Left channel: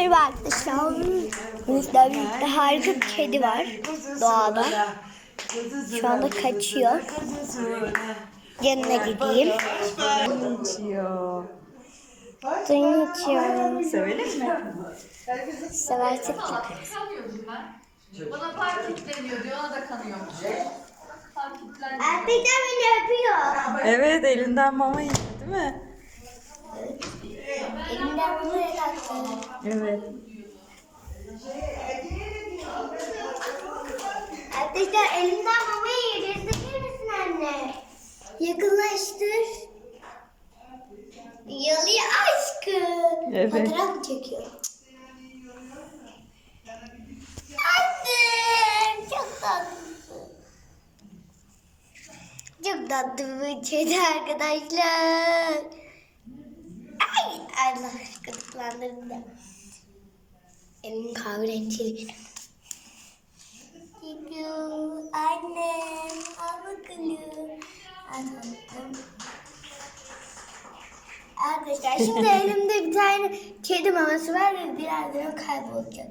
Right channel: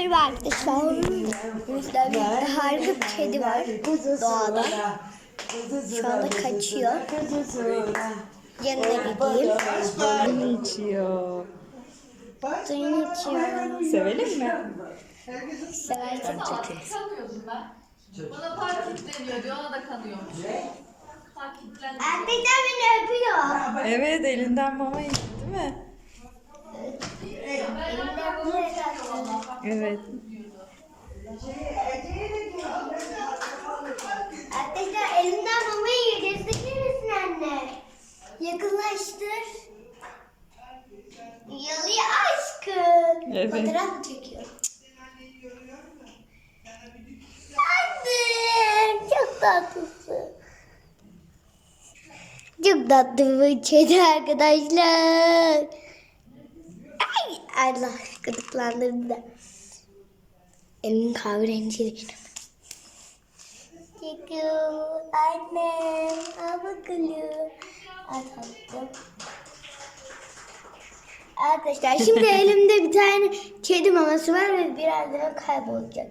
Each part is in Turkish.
Merhaba arkadaşlar. Bizler birlikte harika bir kedi var doğada. Şu anda kaçıyor. Yanına gideyim. Suyunu içiyor. Suyunu içiyor. Sevelim mi? Seversek ben. Bana park kilitleniyor diyor, ona da kanıyormuş. Park kilitlendi. Erkekler beni öpüyor. Evet elinden mama yedi değil mi? Elimden bunu yarattı. Evet. Arkadaşlar elimden mamayı yedi. Sıkır mısın anne? Yakınlaştır. Yalıyor aşkım. Evet. Fotoğraf çekiyor? Anne çok tatlısın. Çok tatlı bir kedi arkadaşlar. Ay Allah gıdıklandırdı da. Elimin kahverengi. Çekiyor. Annem. Al tatlım. Arkadaşlar şimdi elimde bir tane kedi maması var ve birazdan o kaybolacak.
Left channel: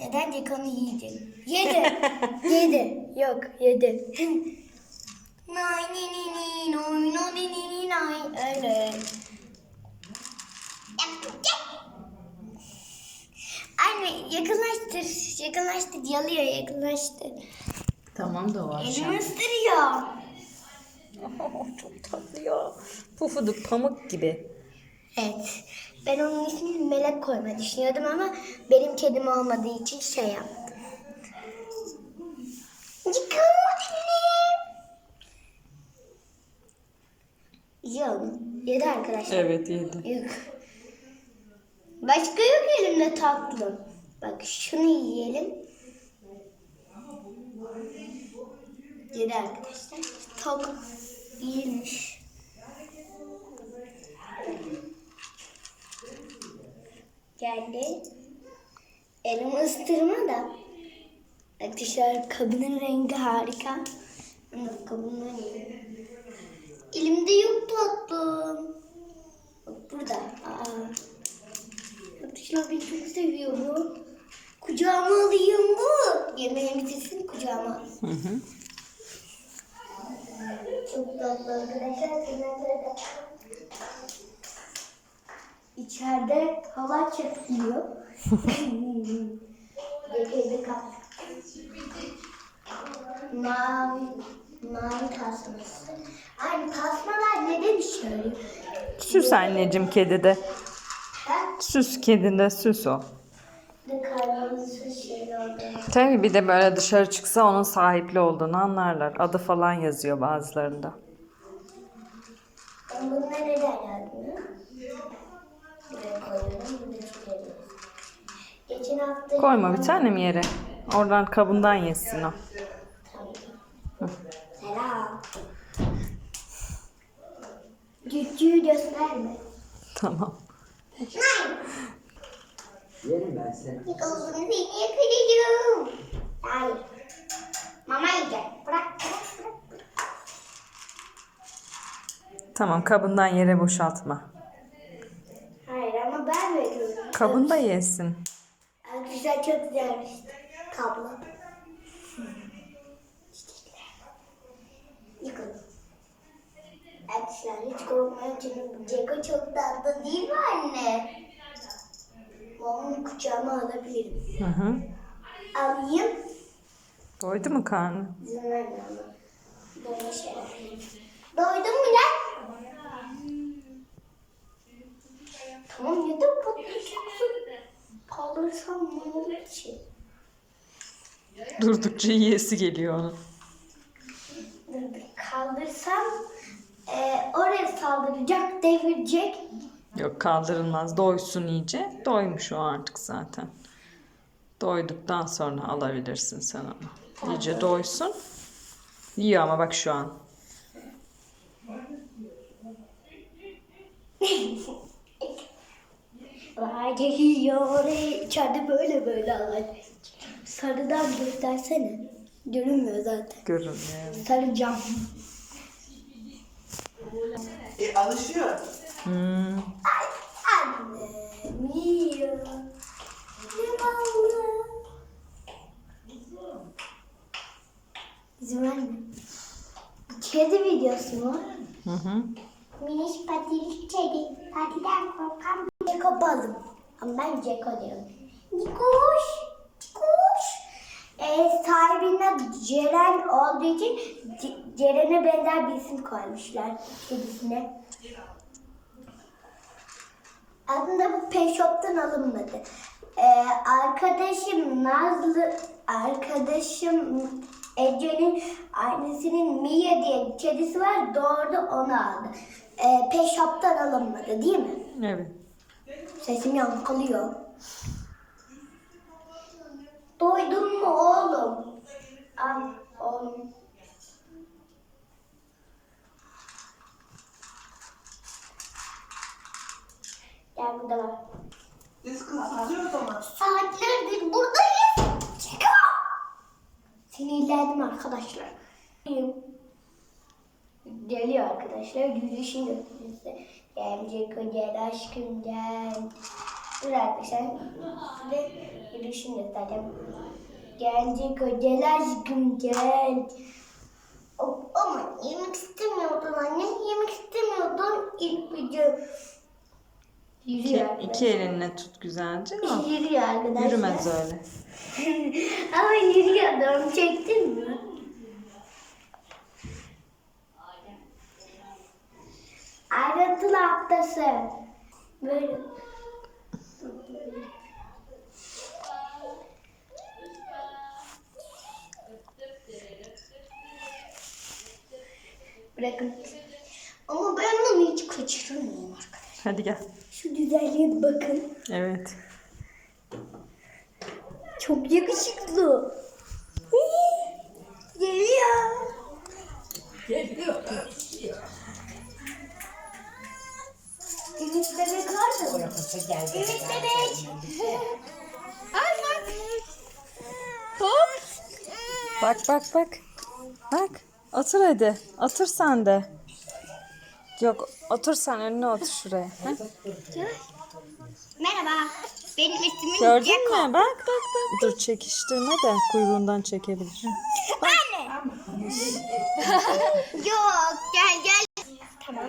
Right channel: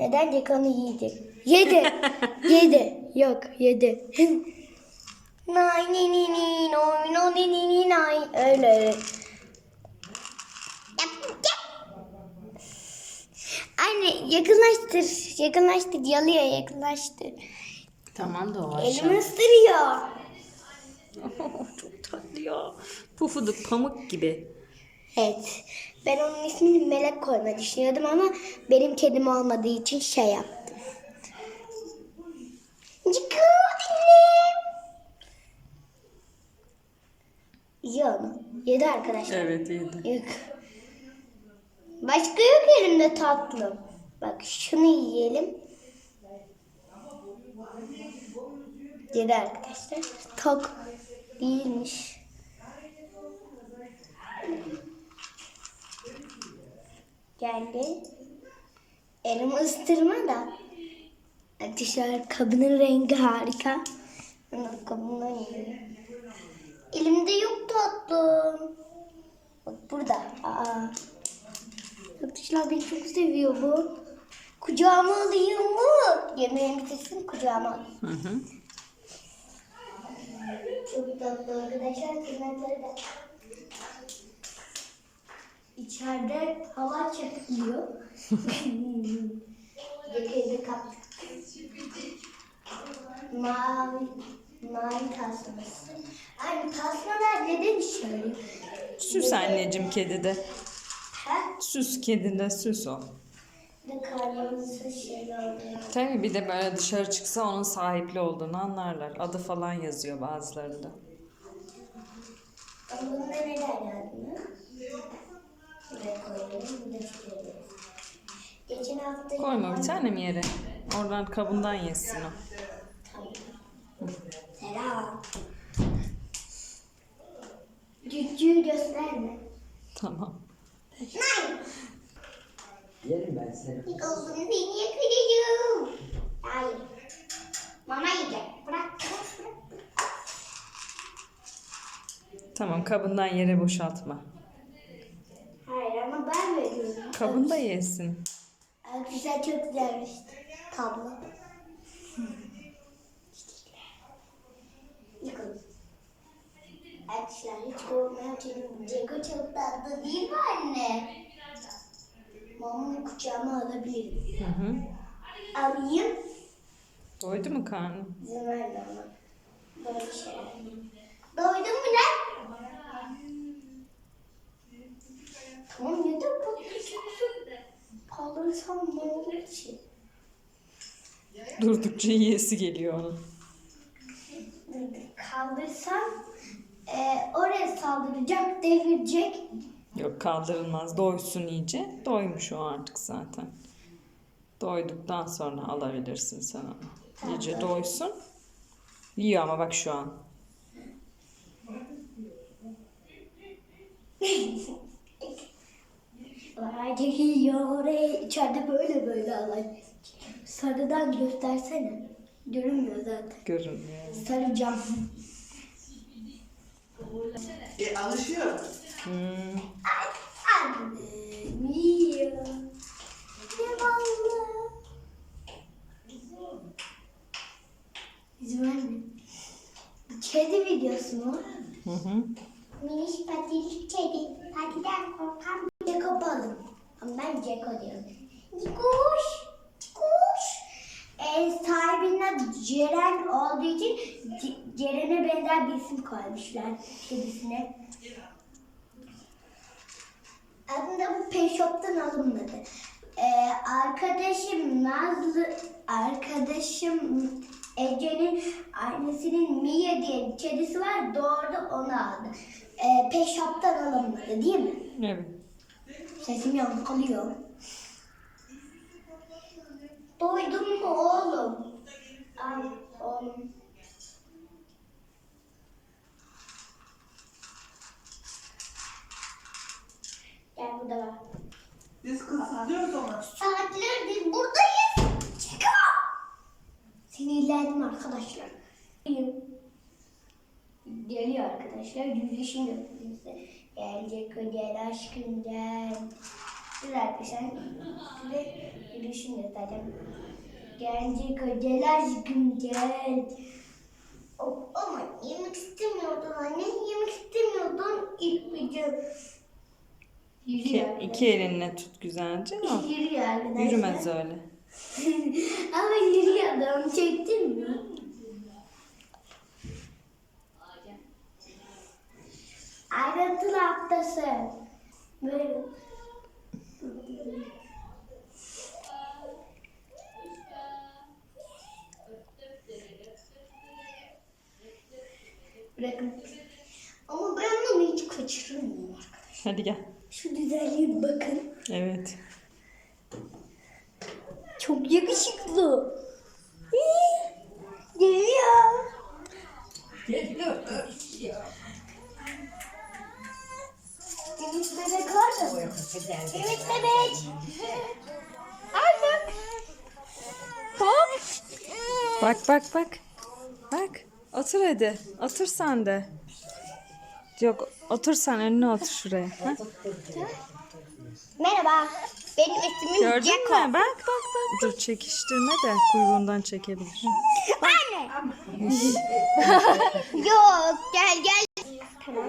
Neden Jack onu yiyecek? Yedi. yedi. Yok yedi. Nay ni ni ni noy no ni ni ni nay. Öyle. Anne yakınlaştır. Yakınlaştır. Yalıyor yakınlaştır. Tamam da o Elimi ısırıyor. Çok tatlı ya. Pufuduk pamuk gibi. Evet. Ben onun ismini Melek koymayı düşünüyordum ama benim kedim olmadığı için şey yaptım. Ciku anne. Yiyor mu? Yedi arkadaşlar. Evet yedi. Yok. Başka yok elimde tatlım. Bak şunu yiyelim. Yedi arkadaşlar. Tok değilmiş. Geldi. Elimi ıstırma da. Arkadaşlar kabının rengi harika. Kabından yiyelim. Elimde yok tatlım. Arkadaşlar beni çok seviyor bu. Kucağıma alayım bu. Yemeğimi bitirsin kucağıma. Hı hı. Çok tatlı arkadaşlar. Kızartları da. İçeride hava çekiliyor. Getirdi kaptık. Mavi, mavi tasması. Aynı tasmalar neden işe yarıyor? Süs anneciğim kedide. Süs kedinde süs o. Tabii bir de böyle dışarı çıksa onun sahipli olduğunu anlarlar. Adı falan yazıyor bazılarında. Bununla neden çıkarıyoruz. Geçen hafta... Koyma bir tane mi yere? Oradan kabından yesin o. Tamam. Selam. Cücüğü gösterme. Tamam. Yerim ben seni. Yıkıldın seni yakalayacağım. Hayır. Mama yiyecek. Bırak bırak bırak. Tamam kabından yere boşaltma. Hayır ama ben veriyorum. Kabında yesin. Arkadaşlar çok güzelmiş. Tablo. Yıkılın. Arkadaşlar hiç korkmayın çünkü Ceko çok tatlı değil mi anne? Mamamı kucağıma alabilirim. Hı hı. Alayım. Doydu mu karnı? İzin verme ama. Böyle şeyler. Doydun mu lan? Tamam yedim patlayacaksın. Kaldırsam ne olur ki? Durdukça yiyesi geliyor onun. Kaldırsam e, oraya saldıracak, devirecek. Yok kaldırılmaz. Doysun iyice. Doymuş o artık zaten. Doyduktan sonra alabilirsin sen onu. İyice doysun. Yiyor ama bak şu an. Geliyor oraya içeride böyle böyle alay. Sarıdan göstersene. Görünmüyor zaten. Görünmüyor. Sarı cam. E alışıyor. Hmm. Annem yiyor. Ne vallahi. Bizim anne. Kedi videosu mu? Hı hı. Miniş patilik kedi. Patiden korkan bir Ceko balım. Ama ben Ceko diyorum. Nikoş. Nikoş. Ee, sahibinin adı Ceren olduğu için C- Ceren'e benzer bir isim koymuşlar kedisine. Aslında bu Pet Shop'tan alınmadı. Ee, arkadaşım Nazlı, arkadaşım Ece'nin annesinin Mia diye bir kedisi var. Doğru onu aldı. Ee, Pet Shop'tan alınmadı değil mi? Evet. Sesim yankılıyor. Duydun mu oğlum? Al oğlum. Gel burada bak. Biz kısıtlıyoruz ama. Saatlerdir buradayız. Çıkar. Sinirlendim arkadaşlar. Geliyor arkadaşlar. Yürüyüşüm götürüyor size. Gelecek o gel aşkım gel. Dur arkadaşlar. Size yürüyüşüm göstereceğim. Gelecek o gel aşkım gel. O- Ama yemek istemiyordun anne. Yemek istemiyordun ilk video. İki, iki elinle tut güzelce ama yürümez öyle. Ama yürüyordum. Çektin mi? Ayrıntılı haftası. Böyle. Bırakın. Ama ben bunu hiç kaçırmıyorum arkadaşlar. Hadi gel. Şu güzelliğe bakın. Evet. Çok yakışıklı. Geliyor. Geliyor. Ümit bebek Ümit bebek. Ay bak. Hop. Bak bak bak. Bak. Otur hadi. Otur sen de. Yok otur sen önüne otur şuraya. Ha? Merhaba. Benim ismim Gördün mü? Bak bak bak. Dur çekiştirme de kuyruğundan çekebilir. Yok gel gel. Tamam.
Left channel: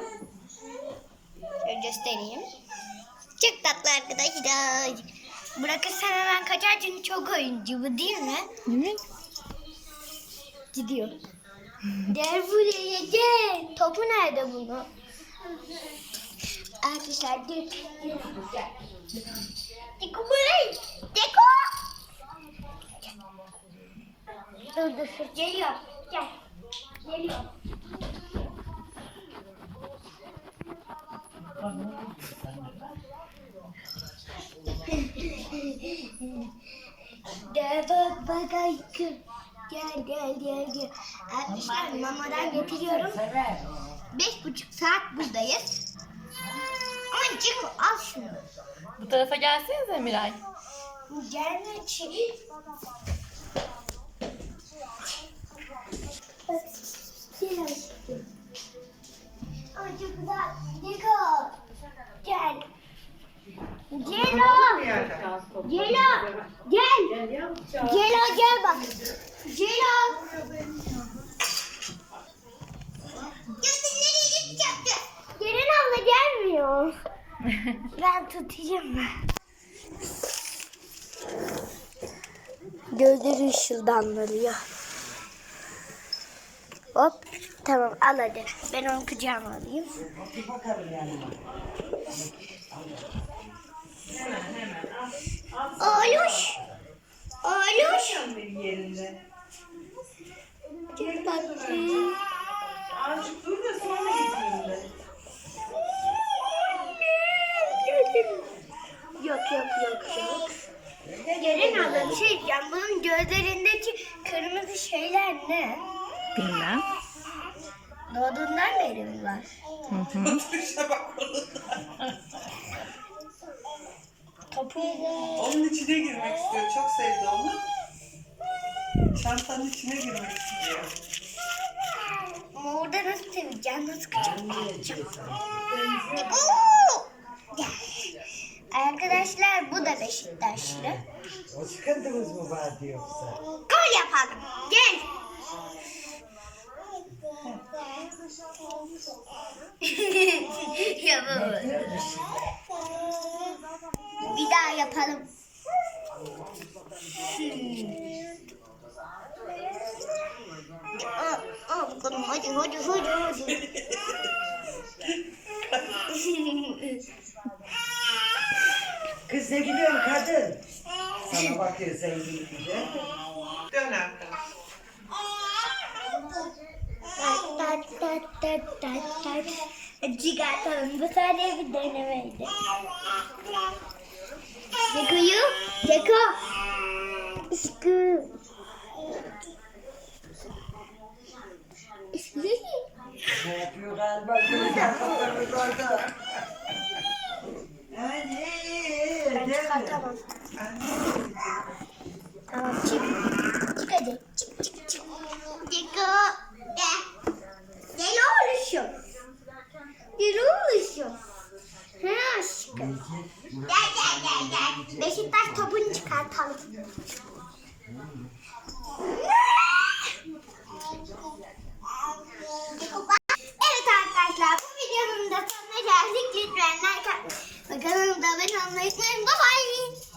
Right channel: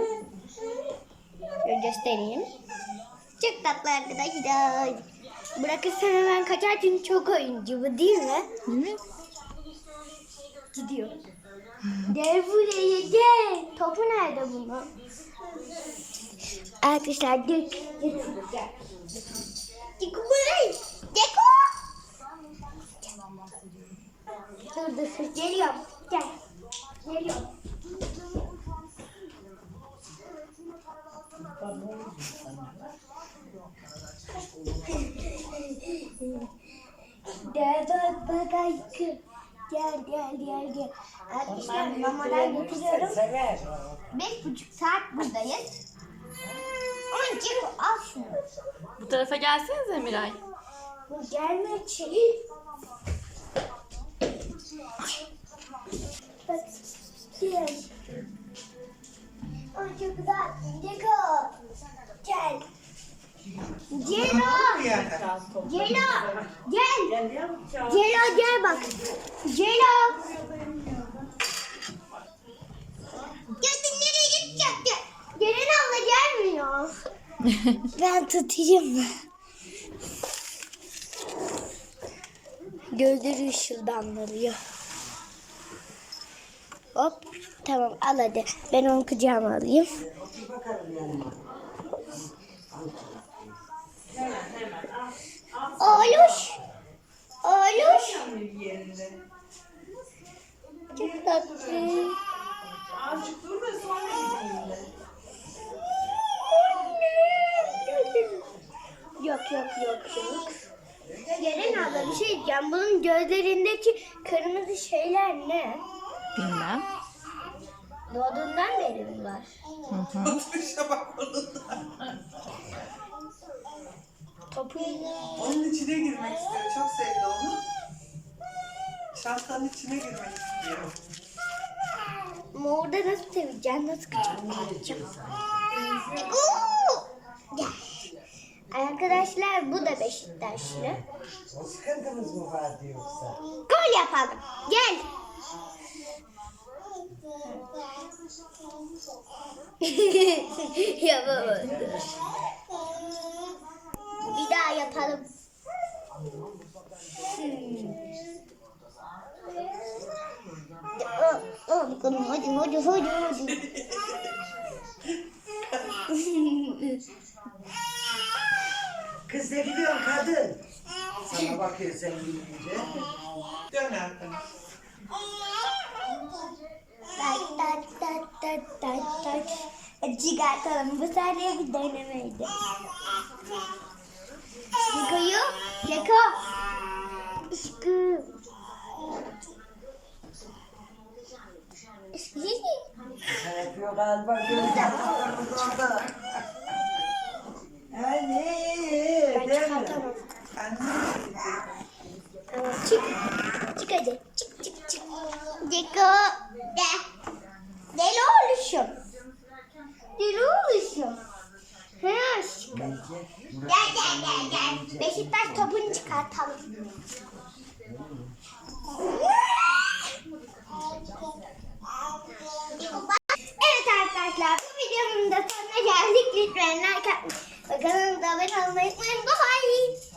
Şöyle göstereyim. Çok tatlı arkadaşlar. Bırakırsam hemen kaçar çünkü çok oyuncu bu değil mi? Evet. Gidiyor. Gel buraya gel. Topu nerede bunu? Arkadaşlar gel. Diko buraya. Diko. Dur dur dur. Geliyor. Gel. Geliyor. Gel bak bak aşkım. Gel gel gel gel. Arkadaşlar mamadan getiriyorum. Beş buçuk saat buradayız. Ama Ceko al şunu. Bu tarafa gelsenize Miray. Gelme çekil. Bak, gel. Ay çok güzel. Ceko. Gel. Celo. Celo. Gel. Celo gel bak. Celo. Geldi nereye gidecek? Gelin abla gelmiyor. ben tutayım. Gözleri ışıldanlarıyor. Hop tamam al hadi. Ben onu kucağıma alayım. Oğluş. Yerinde. Çok tatlı. Azıcık dur da sonra gideyim de. Yok yok yok yok. Gelin abla bir şey diyeceğim. Bunun gözlerindeki kırmızı şeyler ne? Bilmem. Doğduğundan beri mi var? Oturuşa bak onun. İçine girmek istiyor. Çok sevdi onu. Çantanın içine girmek istiyor. Ama orada nasıl seveceğim? Nasıl kucaklayacağım? Oo! Gel. Arkadaşlar bu da Beşiktaşlı. O sıkıntımız mı vardı yoksa? Gol yapalım. Gel. Yapamadım. Ne gidiyorsun kadın? Sana bakıyor sen gidince. Dön arkana. Tat tat tat tat tat tat. Çıkartalım. Bu sadece bir denemeydi. Ceko'yu. Ceko. Sıkı. Ne yapıyor galiba? Gözler orada. Hani, Ben değil mi? çıkartamam. Tamam çık. Çık hadi. Çık çık çık. Ceko. De. Deli oluşum. Deli oluşum. Ha aşkım. Gel gel gel gel. Beşiktaş topunu çıkartalım. Evet arkadaşlar bu videomun da sonuna geldik. Lütfen like atmayı ve kanalımıza abone olmayı. Bye bye.